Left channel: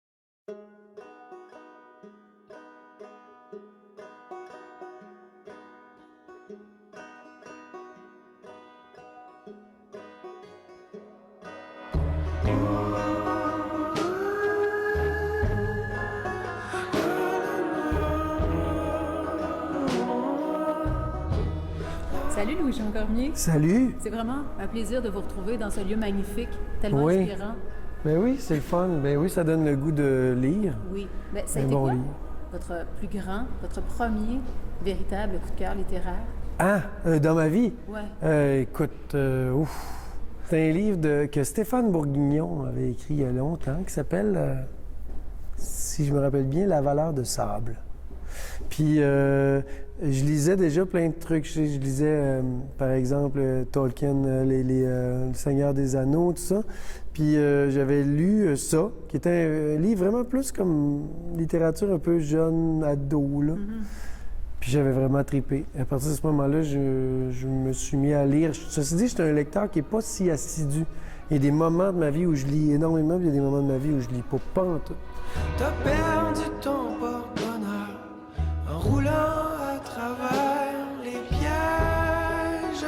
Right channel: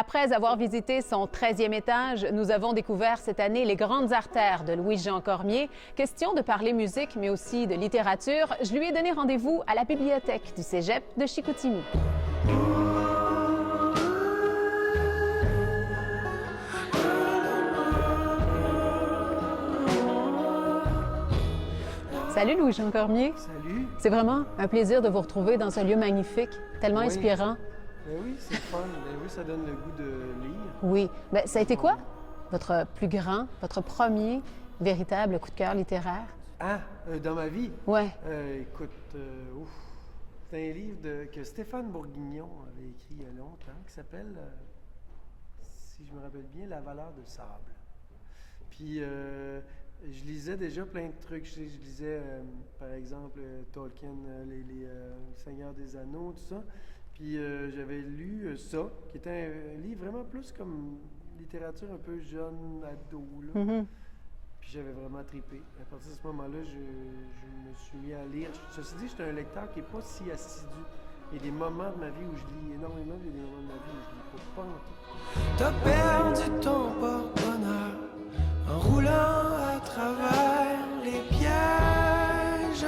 Après avoir visité son 13e étage, nous avons découvert cette année les grandes artères de Louis-Jean Cormier. Question de parler musique, mais aussi de littérature, je lui ai donné rendez-vous à la bibliothèque du Cégep de Chicoutimi. Salut Louis-Jean Cormier. Salut. C'est vraiment un plaisir de vous retrouver dans ce lieu magnifique, tellement inspirant. Ben oui, c'est le fun. Ben oui, ça donne le goût de lire. Oui. Ben, ça a été bon quoi, livre. votre plus grand, votre premier véritable coup de cœur littéraire? Ah, dans ma vie? Ouais. Écoute, c'est un livre que Stéphane Bourguignon avait écrit il y a longtemps, qui s'appelle, si je me rappelle bien, La valeur de sable. Puis, je lisais déjà plein de trucs. Je lisais, par exemple, Tolkien, Le Seigneur des Anneaux, tout ça. Puis, j'avais lu ça, qui était un livre vraiment plus comme littérature un peu jeune, ado, là. Puis j'avais vraiment trippé. À partir de ce moment-là, je me suis mis à lire. Ceci dit, j'étais un lecteur qui n'est pas si assidu. Il y a des moments de ma vie où je lis énormément, puis il y a des moments de ma vie où je lis pas en tout. T'as perdu ton porte-bonheur en roulant à travers les pièges.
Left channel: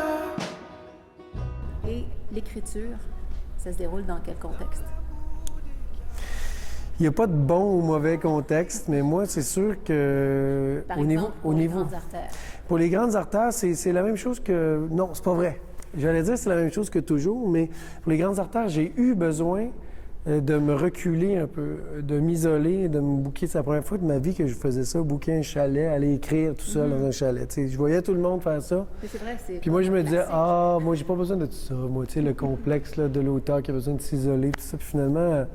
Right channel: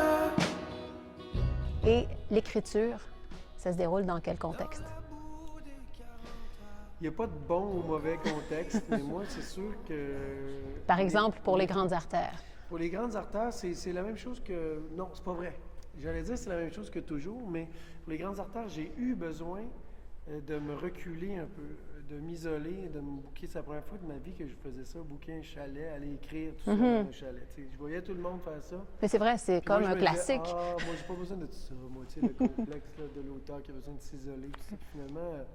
Et l'écriture, ça se déroule dans quel contexte? Il n'y a pas de bon ou mauvais contexte, mais moi, c'est sûr que... Par exemple, pour les grandes artères. Pour les grandes artères, c'est la même chose que... Non, c'est pas vrai. J'allais dire c'est la même chose que toujours, mais pour les grandes artères, j'ai eu besoin de me reculer un peu, de m'isoler, de me booker. C'est la première fois de ma vie que je faisais ça, booker un chalet, aller écrire tout seul dans un chalet. Tu sais, je voyais tout le monde faire ça. Mais c'est vrai, c'est Puis comme moi, je un me classique. disais, ah, moi, j'ai pas besoin de tout ça. Moi, tu sais, le complexe là, de l'auteur qui a besoin de s'isoler, tout ça. Puis finalement,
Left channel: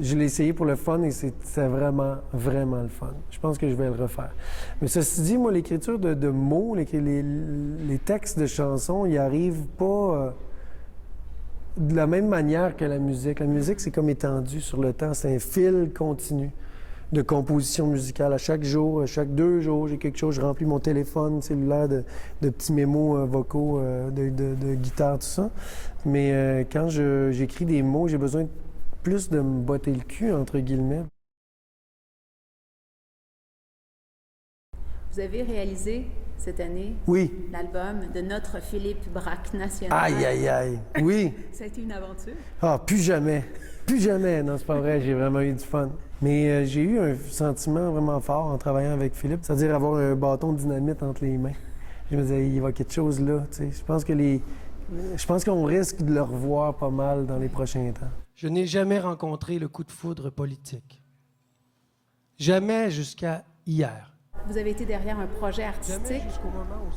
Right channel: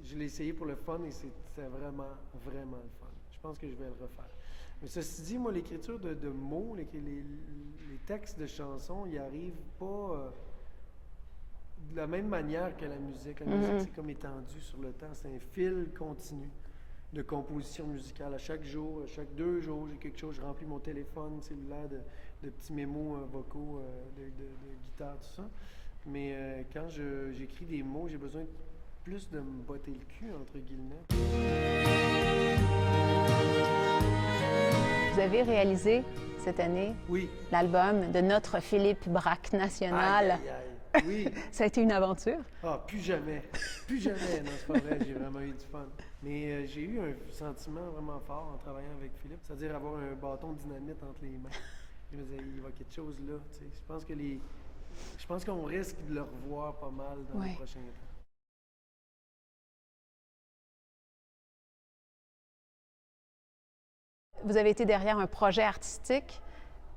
je l'ai essayé pour le fun et c'est vraiment, vraiment le fun. Je pense que je vais le refaire. Mais ceci dit, moi, l'écriture de mots, les textes de chansons, ils arrivent pas de la même manière que la musique. La musique, c'est comme étendu sur le temps. C'est un fil continu de composition musicale. À chaque jour, à chaque 2 jours, j'ai quelque chose. Je remplis mon téléphone cellulaire de petits mémos vocaux, de guitare, tout ça. Mais quand j'écris des mots, j'ai besoin plus de me botter le cul, entre guillemets. Vous avez réalisé cette année Oui. l'album de notre Philippe Braque national. Aïe, aïe, aïe. Oui. Ça a été une aventure. Ah, plus jamais. Plus jamais. Non, c'est pas vrai. J'ai vraiment eu du fun. Mais j'ai eu un sentiment vraiment fort en travaillant avec Philippe, c'est-à-dire avoir un bâton de dynamite entre les mains. Je me disais, il va y avoir quelque chose là. Tu sais. Je pense qu'on risque de le revoir pas mal dans les prochains temps. Je n'ai jamais rencontré le coup de foudre politique. Jamais jusqu'à hier. Vous avez été derrière un projet artistique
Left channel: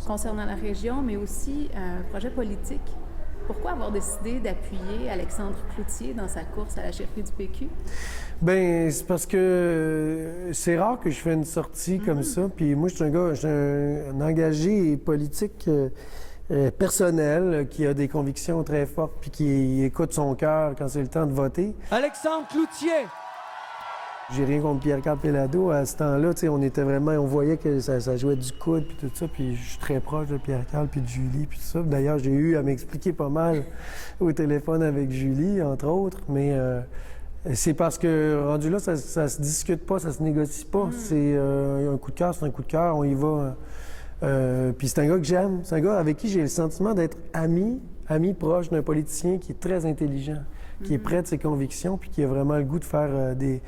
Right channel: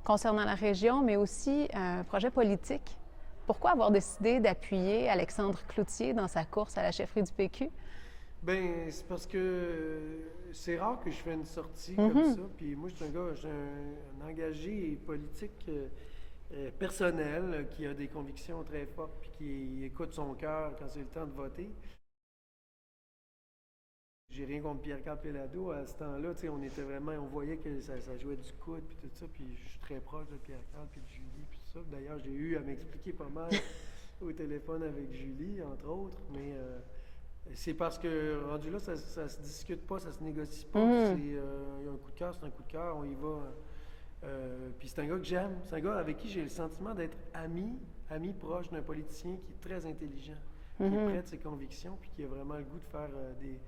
concernant la région, mais aussi un projet politique. Pourquoi avoir décidé d'appuyer Alexandre Cloutier dans sa course à la chefferie du PQ? Bien, c'est parce que c'est rare que je fais une sortie comme ça. Puis moi, je suis un engagé politique personnel qui a des convictions très fortes puis qui écoute son cœur quand c'est le temps de voter. Alexandre Cloutier! J'ai rien contre Pierre-Carl Péladeau. À ce temps-là, tu sais, on voyait que ça jouait du coude puis tout ça. Puis je suis très proche de Pierre-Carl puis de Julie puis tout ça. D'ailleurs, j'ai eu à m'expliquer pas mal au téléphone avec Julie, entre autres. Mais c'est parce que rendu là, ça se discute pas, ça se négocie pas. C'est un coup de cœur, c'est un coup de cœur, on y va. Puis c'est un gars que j'aime. C'est un gars avec qui j'ai le sentiment d'être ami proche d'un politicien qui est très intelligent, qui est près de ses convictions puis qui a vraiment le goût de faire des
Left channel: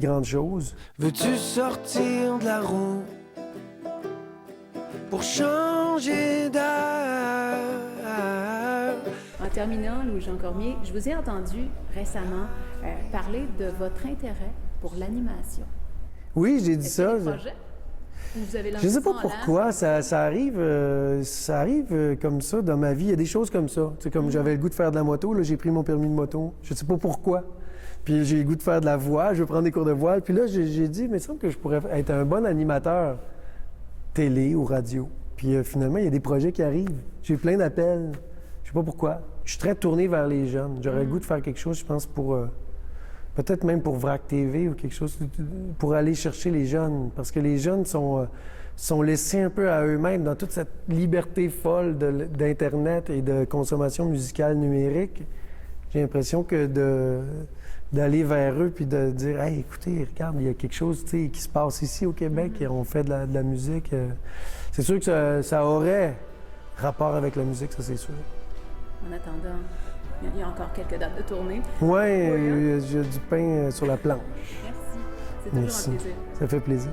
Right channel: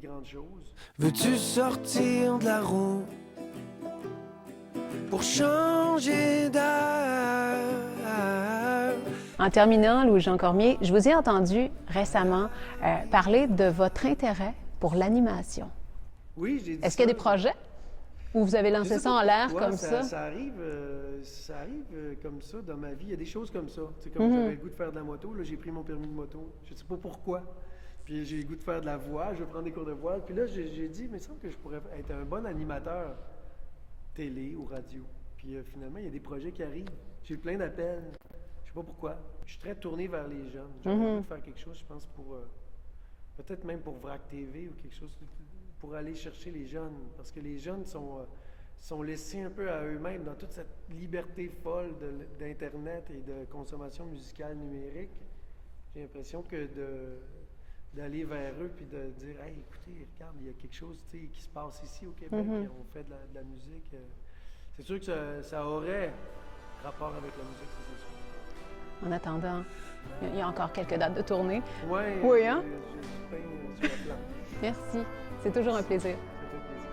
grandes choses. Veux-tu sortir de la roue pour changer d'air? En terminant, Louis-Jean Cormier, je vous ai entendu récemment parler de votre intérêt pour l'animation. Oui, j'ai dit ça. Est-ce qu'il y a des projets? Ou vous avez lancé Je sais ça en pas l'air pourquoi comme ça? ça arrive comme ça dans ma vie. Il y a des choses comme ça. C'est comme j'avais le goût de faire de la moto, là j'ai pris mon permis de moto. Je sais pas pourquoi. Puis j'ai le goût de faire de la voix, je veux prendre des cours de voile. Puis là, j'ai dit, mais il semble que je pourrais être un bon animateur télé ou radio. Puis finalement, il y a des projets qui arrivent. J'ai plein d'appels. Je sais pas pourquoi. Je suis très tourné vers les jeunes. J'aurais le goût de faire quelque chose, je pense, pour... peut-être même pour VRAC TV ou quelque chose, pour aller chercher les jeunes. Parce que les jeunes sont laissés un peu à eux-mêmes dans toute cette liberté folle d'Internet et de consommation musicale numérique. J'ai l'impression que d'aller vers eux puis de dire « Hey, écoutez, regarde, il y a quelque chose qui se passe ici au Québec et on fait de la musique. C'est sûr que ça aurait rapport avec la musique, ça c'est sûr. En attendant, il y a encore quelques dates de tournée. Ouais, Oui, hein? j'ai du pain sur la planche. Merci. C'est toujours Merci. un plaisir. Ça fait plaisir.